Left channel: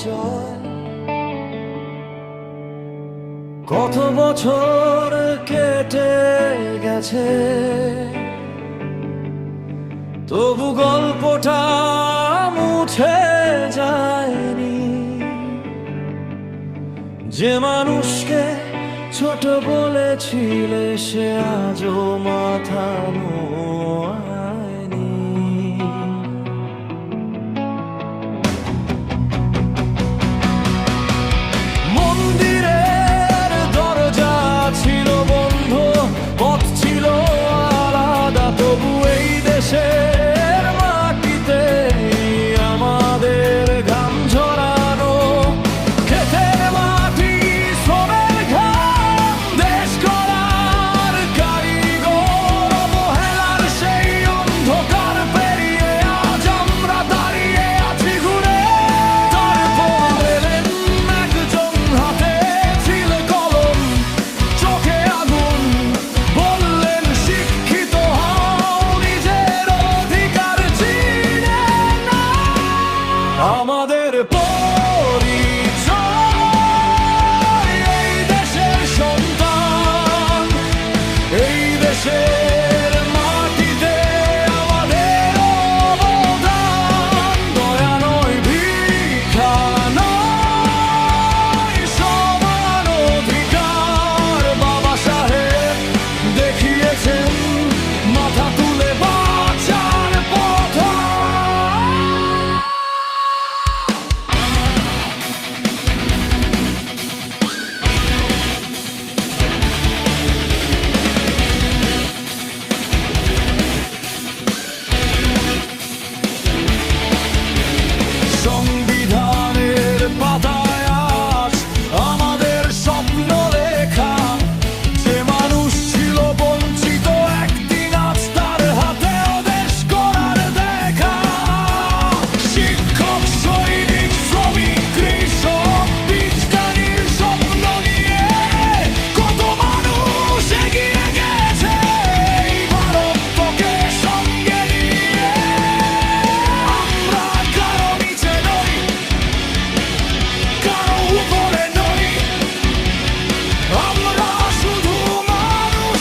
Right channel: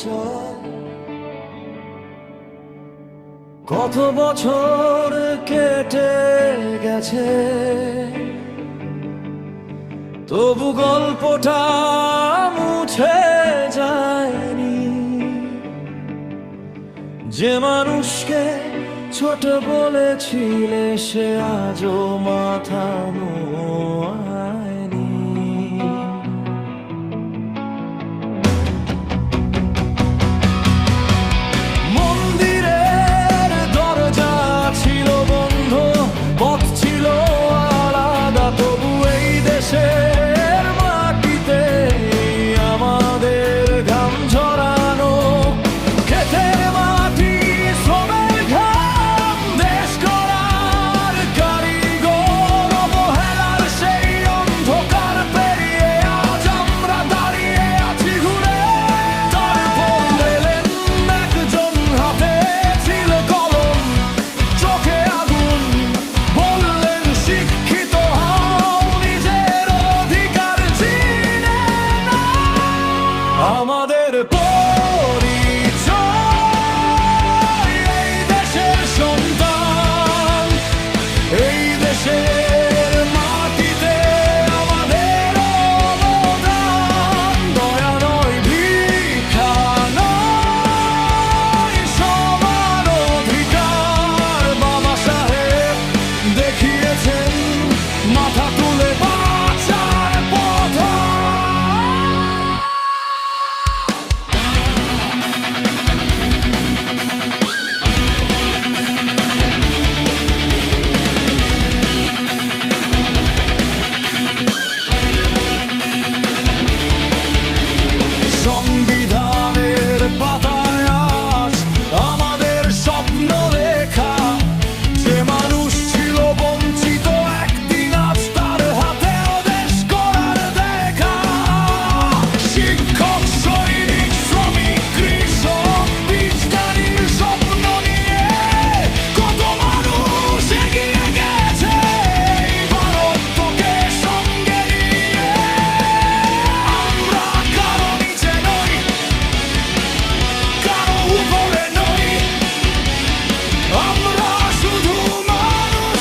পরিচয়। কত বছর কেটে গেছে, তবু গল্পটা মুছে যায়নি। যে মানুষকে ছোট বলেছিলে সে আজও মাথা নোয়ায়নি। মন্দিরের দরজা ছিল বন্ধ, পথ ছিল আলাদা, তবু এই দেশের মাটিতে আমাদের ঘাম ঝরানো। ক্ষেতের মাটি, শ্রমের ঘাম, দেশ গড়ার কারিগর, অবহেলার সেই অন্ধকার পেরিয়ে আজ আমরা দাঁড়িয়ে আছি ঘুরে। তারপর এলেন একজন, হাতে ছিল কলম, চোখে আগুন, বললেন শিক্ষিত হও, নিজের অধিকার চিনে নাও। আমাদের পরিচয় এই দেশের সন্তান, এই দেশের মাটিতে আমাদের অবদান। দয়া নয়, ভিক্ষা নয়, সমান অধিকার। বাবা সাহেব দেখিয়েছেন মাথা তুলে বাঁচার পথ। সংবিধানের পাতায় আজ আমাদের স্বপ্ন লেখা। যে মানুষ ছিল বঞ্চিত, একদিন আজ তার হাতেও দেশ গড়ার দেখা। শিক্ষক, সৈনিক, শ্রমিক, কৃষক, বিজ্ঞানীর স্বপ্ন নিয়ে কত মানুষ এগিয়ে গেছে এই ভারতকে সঙ্গে নিয়ে। আমরা কারো নিচে নই, কারো উপরে নই, আমরা শুধু মানুষ,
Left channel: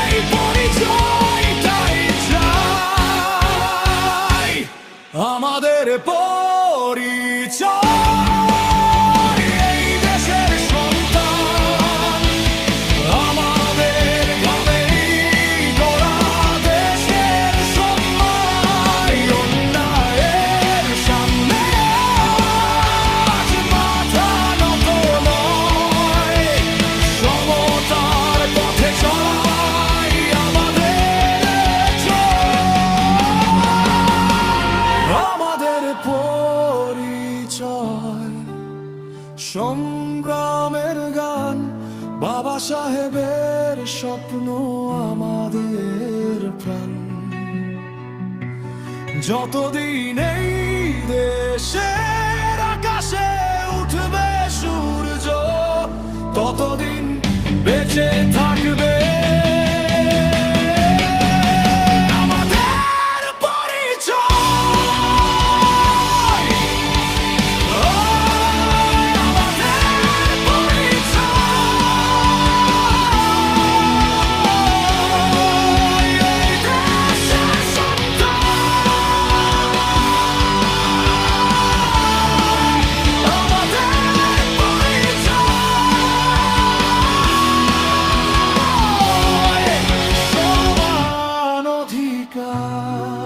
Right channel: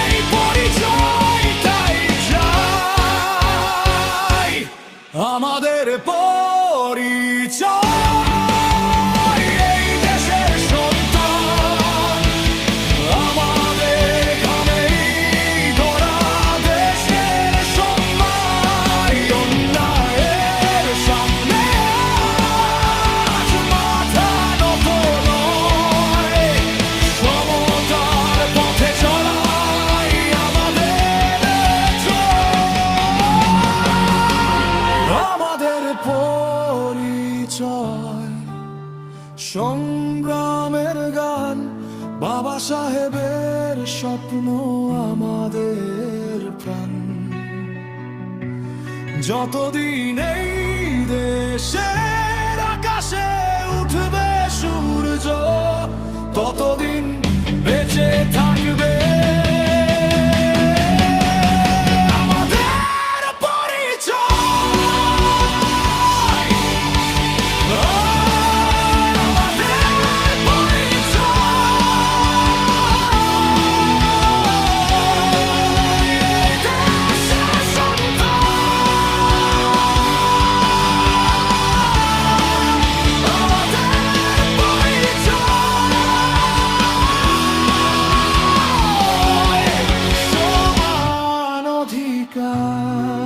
এই পরিচয়টাই চাই। আমাদের পরিচয় এই দেশের সন্তান, আমাদের ঘামেই গড়া দেশের সম্মান। অন্যায়ের সামনে আজ মাথা নত নয়, সমতার পথে চলাই আমাদের জয়। আমাদের পরিচয় সংগ্রামের গান, বাবা সাহেবের স্বপ্ন আমাদের প্রাণ। যতদিন এই দেশের আকাশে উঠবে সূর্য, ততদিন বেঁচে থাকবে আমাদের পরিচয়। আমাদের পরিচয় এই দেশের সন্তান, আমাদের পরিচয় সমান অধিকার।